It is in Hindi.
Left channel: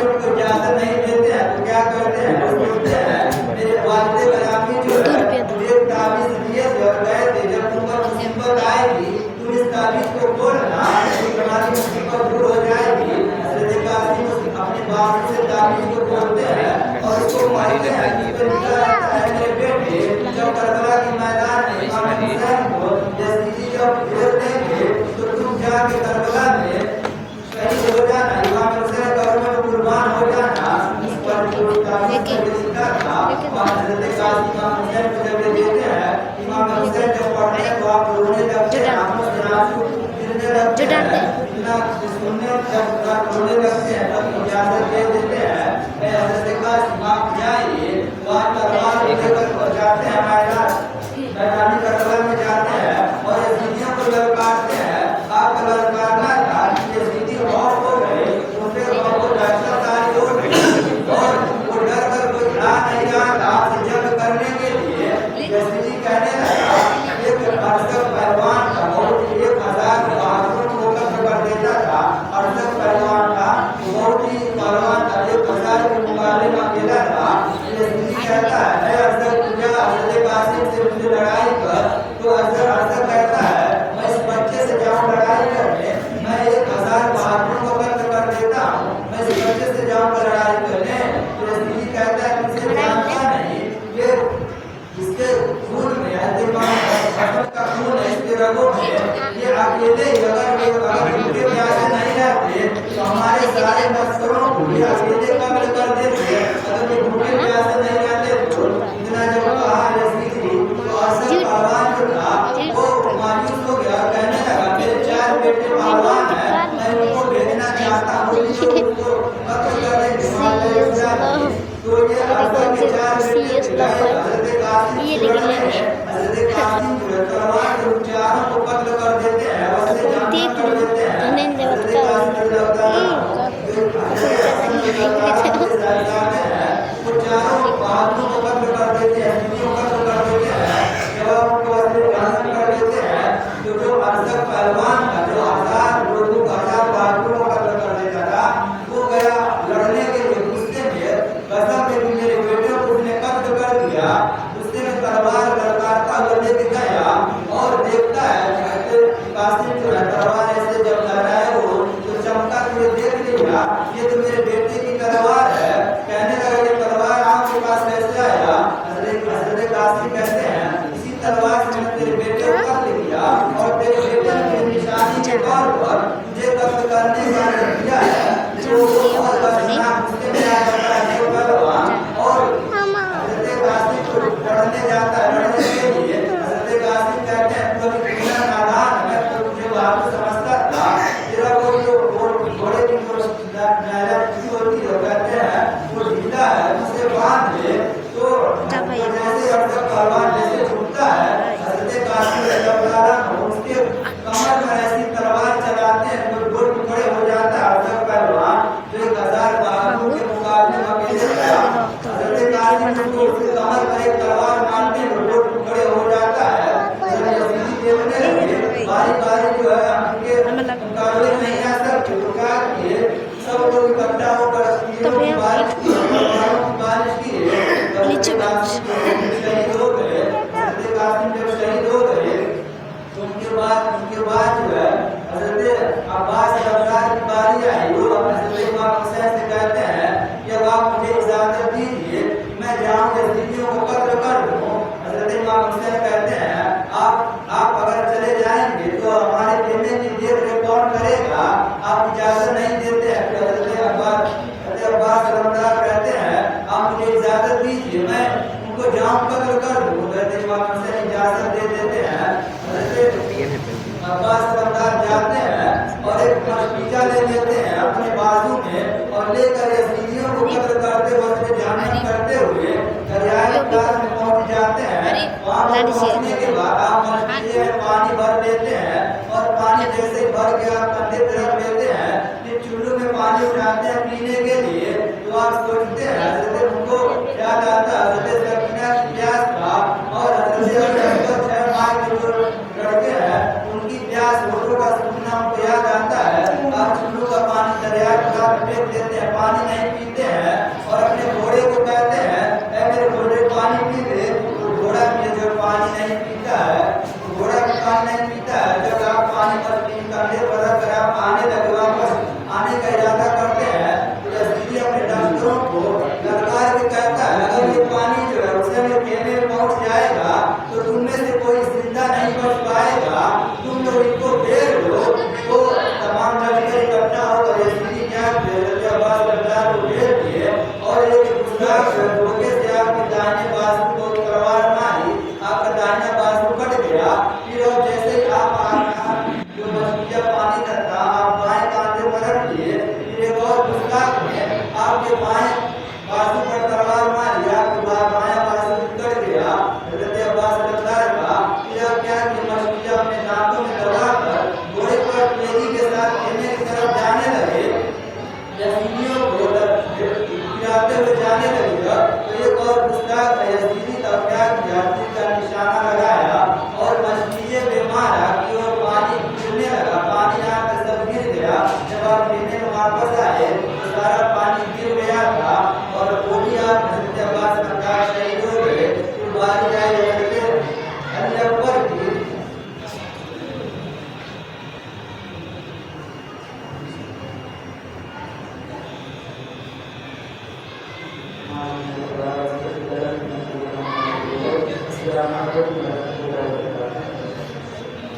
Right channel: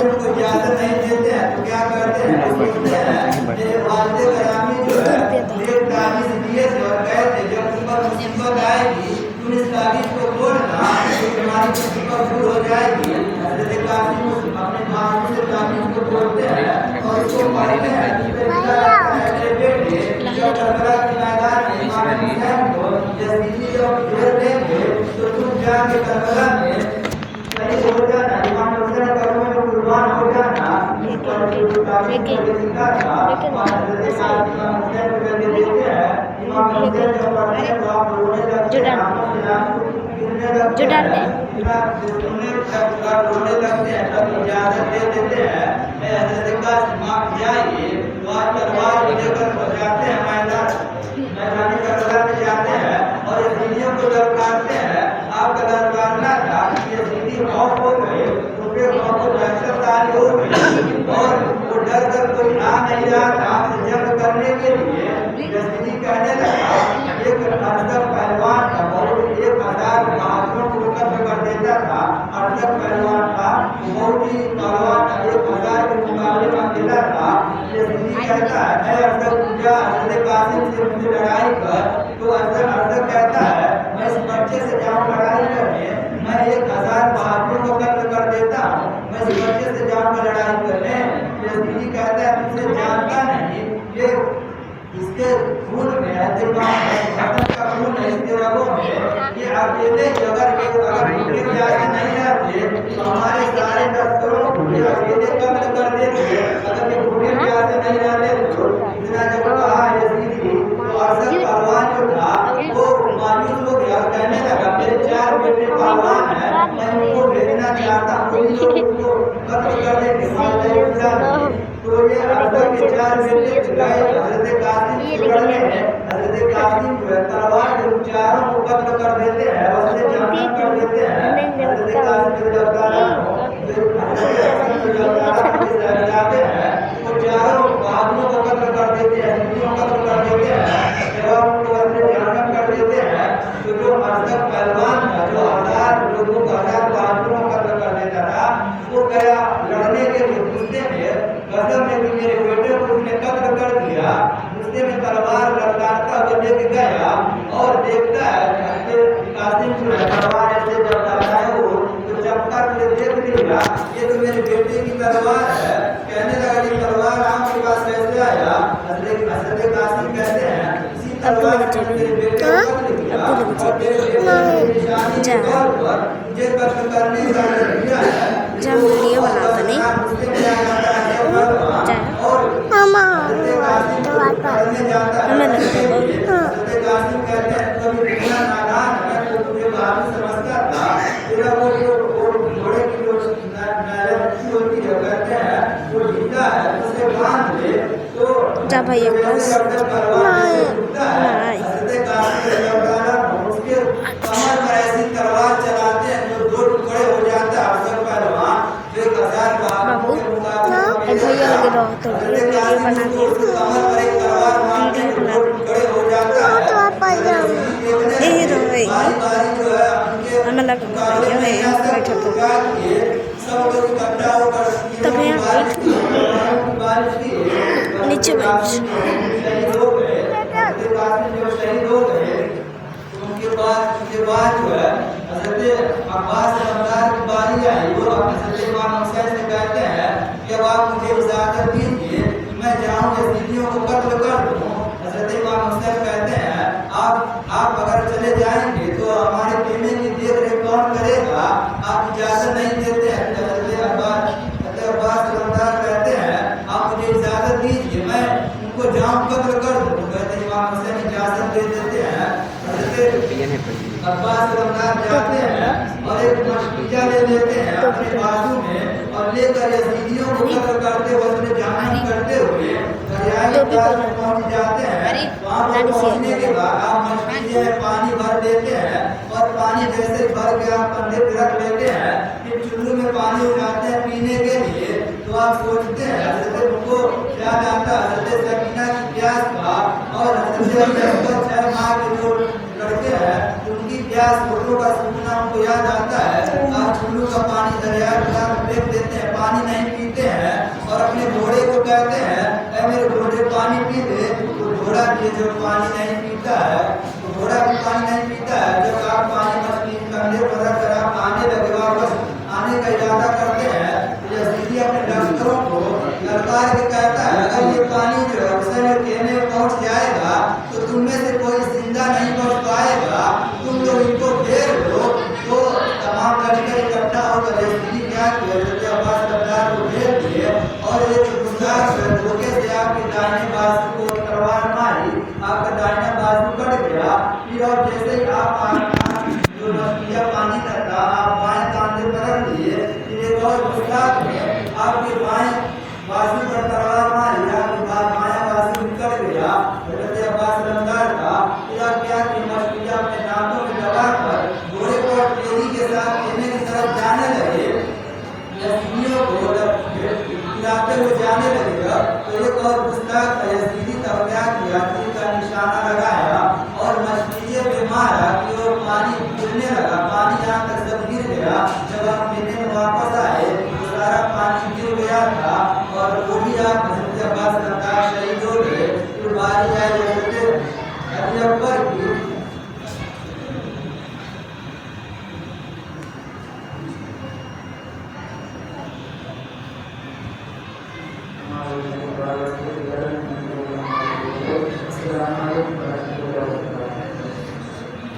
अगर उनको इजाजत नहीं देते हैं तो क्या करते हैं, बोलते हैं मेरे वालिद गिरामी जो है मुझे ताबीज़ दिए थे और कहे थे जब तुम पर मुसीबत आएगी तुम इस ताबीज़ को बोलना तो तुम्हारी मुसीबत दूर हो जाएगी। हज़रत कासिम अपने बाबू से ताबीज़ को बोलते हैं और इसको पढ़ते हैं। मेरे बेटे जब करबला के मैदान में इमाम हुसैन को यज़ीदी जब भेज देंगे तो तुम जाके करबला में शहीद हो जाना, इमाम हुसैन कर्म में कुर्बान हो जाना। इस पर ताबीज़ को लिखा था और हज़रत कासिम इमाम हुसैन को जब देते हैं, इमाम हुसैन जब पढ़ते हैं तो आप रोने लगते हैं, आंखों से आंसू गिरने लगते हैं, सुनने जब रोने लगते हैं तब इजाज़त दे देते हैं मैं हज़रत कासिम आप जाइए, वहाँ तलवार लेकर पहुँचाते हैं मैदान करबला में जाते हैं और यज़ीदियों को ललकारते हैं। आपका ललकारना था कि यज़ीदी खौफ हो गए, उनके खौफ को दहशत तारी हो गई और वो डर कर कोई आ नहीं रहा था आपसे जंग करने के लिए। यज़ीदी कहने लगा एक अरसद पहलवान था, बहुत 1000 बहादुरों को कत्ल कर देता था। अरसद पहलवान था, बहुत ही पहलवान था, 1000 के मुकाबले में अकेला था। यज़ीदी कहता है अरसद पूजा हज़रत कासिम से मुझे लड़ाई कर, तो अरसद कहता है मैं इस बच्चे से जाऊँ लड़ाई करने, मैं 1000 बहादुरों को कत्ल कर देता हूँ, मैं इस बच्चे से जाऊँगा लड़ाई करने। यज़ीदी कहता है तुझे जानता नहीं ये इसके खून में है, दिमाग का खून है इसके रगों में, ये अकेले अगर उनके प्यासे नहीं रहते तो हमारे सारे लश्करों को ये अकेले कत्ल कर देते। अगर ये भूखे प्यासे नहीं रहते तो इतना जब कहा यज़ीदी तो अरसद पहलवान जो था वो मायूस हो गया, कहने लगा मेरे 4 बेटे पहलवान हैं, मैं उनको भेजना चाहता हूँ उनको कत्ल करने के बाद तो ये अरसद के 4 बेटे हज़रत कासिम से लड़ने हैं। हज़रत कासिम जो है तलवार से उन चारों को कत्ल कर देते हैं, उससे जंग कर देते हैं। हज़रत कासिम जो लगाते हैं वो चारों बहादुरों को कत्ल कर देते हैं, हिंदुओं को कत्ल कर देते हैं, जब उनको असली कर देते हैं तो जो अरसद पहलवान था जो 1000 लोगों को 1000 बहादुरों को कत्ल कर देता था वो गया लड़ने के लिए गुस्से में कसम में भी मेरे बेटे को उसने कत्ल कर दिया। गुस्से में तलवार लड़काता हुआ लेके गया और देखता है कासिम जो है तलवार ऐसे जब चलाया वो तो चमका के देख लिया ये तो मेरे बेटे की तलवार है। कहने लगा ये तलवार आपके पास कैसे आया? हज़रत कासिम कहते हैं इसी तलवार से मेरे बेटे को कत्ल किया और मेरे बेटे की निशानी के तौर पर मुझे कत्ल करने का दिया है। नीचे उसके बाद जो है हज़रत अब्बास रज़ा की बारी आई, वो हज़रत इमाम हुसैन से कहते हैं कि अब आप मुझे इजाज़त दीजिए मैं जाऊँ यज़ीदियों को कत्ल कर दूँ। हज़रत इमाम हुसैन कहते हैं आप अगर चले जाएंगे तो हमारे बेटे की देख रेख कौन करेगा? आप इजाज़त नहीं देते हैं। हज़रत अब्बास रज़ा कहते हैं आप मुझे इजाज़त दीजिए मैं उनको जाऊँ कत्ल कर दूँ। कहते इमाम हुसैन इजाज़त दे देते हैं। अब्बास रमदान जाते हैं और एक मशकीजा ले लेते हैं अपने बाजू में और लेकर यज़ीदियों को कत्ल करते हुए उसमें जहन्नम करते हुए दरियाए फुरात में पहुंच जाते हैं। वहाँ पहुंचने के बाद आप मशकीजे में पानी भर देते हैं और पानी जैसे भर के आप कंधे पे रख लेते हैं फिर चुल्लू में पानी उठाते हैं पीने के लिए। तो आप सोचते हैं हज़रत उनको याद आता है हज़रत सकीना की प्यास का और हज़रत 6 माह के जो लड़के हैं उनकी प्यास फोटो का सूखना हमको याद आता है। आप चुल्लू का पानी दरिया में फेंक देते हैं, पानी नहीं धोखे से आपके दाहिने बाजू को तलवार मारी, आपका दाहिना बाजू कट गया। फिर और जैसे ही आप जो मछलियाँ पानी का था आप बाएं कांधे पर रख लिए, फिर एक और मुस्ताक में आपके बाएं बाजू पर तलवार मारी, आपके बायां बाजू कट गया। हजरत अब्बास रमदार का फिर आप क्या कि मछलियाँ अपने दांतों में दबाकर घोड़े पर तेजी के साथ खेलने की तरफ जाने लगे, यजीदियों को गिराते हुए जाने लगेगा। एक और मुस्ताक यजीदी का क्या किया, तीर का निशाना लगाया और मछली पे मारा कि वो पानी गिरने लगा। पानी यहाँ तक सब गिर गया। जब आप खेलने में वापस आए तो सारा पानी गिर गया था और वो भी आप हजरत अब्बास रमदार शहीद हो गए। तो बारी आई हजरत अली अकबर की। Assalamualaikum warahmatullahi wabarakatuh.